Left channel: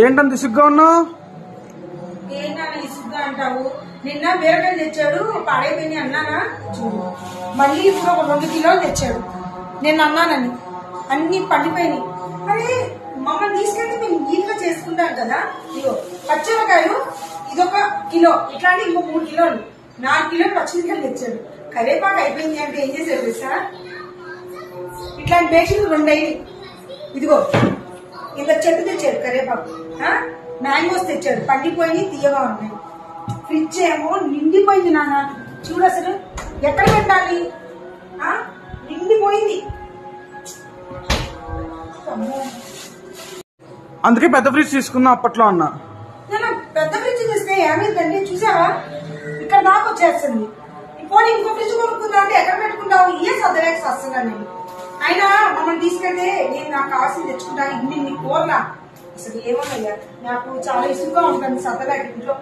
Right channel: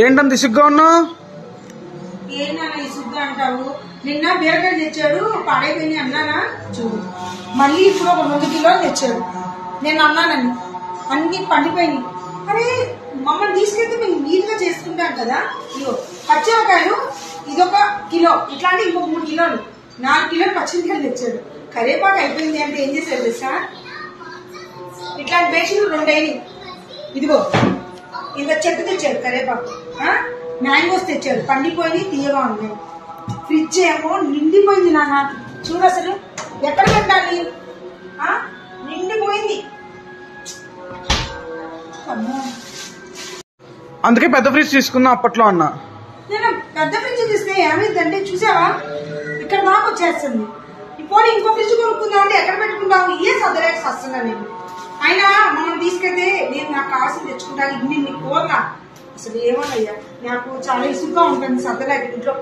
ఏంటంత ఇసుగ్గా ఉన్నావు? ఏనా ఇసుగ్గా అంటావు? నిన్న బీరకాయలు తెచ్చాడు, పాడైపోయి అన్నానా చూడు. మళ్ళీ ఇప్పుడు ఒక 2 కిలోలు తెచ్చాడు. నేను అన్నానని అన్ని పండిపోయినాయి. అరే మమ్మల్ని తీసుకెళ్తే మేము నీట్ గా చేసుకుంటాం కదా. ఇగో పచ్చిమిరకాయలు ఇదొక కిలో, ఇట్లాంటి ఇంకో 3 కిలోలు 4 కిలోలు పచ్చిమిరకాయలు తెచ్చాడు. కరేపాకు అయిపోయింది అంటే ఏం చేశారు తెలుసా? ఇట్లాంటి బేషన్లు 2 అయ్యి, ఇదిగో ఇంత చెట్టు తెచ్చాడు కరేపాకు, మ్యాంగోస్ తెచ్చాడు, పండిపోయి తీయగా ఉన్నాయి. ఫ్రిడ్జ్ ఏమో నిండిపోయింది నాన్న. చూడు అసలు ఎక్కడ పెట్టాలి, నిండిపోయింది. అందుకే పెద్ద ఫ్రిడ్జ్ తీసుకున్నా అప్పట్లో అన్న. నేను పెద్ద ఫ్రిడ్జ్ తీస్తే ఏమైందంటే చూసావా, ఇక్కడ దాకా వచ్చేస్తుంది. ఇప్పుడు ఇంకో ఫ్రిడ్జ్ కొనుక్కుందాం అంటే ఎక్కడ పెట్టుకుంటావు? ఏ సదలేక వస్తున్నా నేను. అయినా మనం తీసుకెళ్తే నేను నాకు కావాల్సింది తెచ్చుకుంటాను. ఇన్ని కూరలా అసలు ఏమోనయ్యా, నాకు చాలా ఇసుగా ఉంటుంది సద్దలేక ఇంట్లో.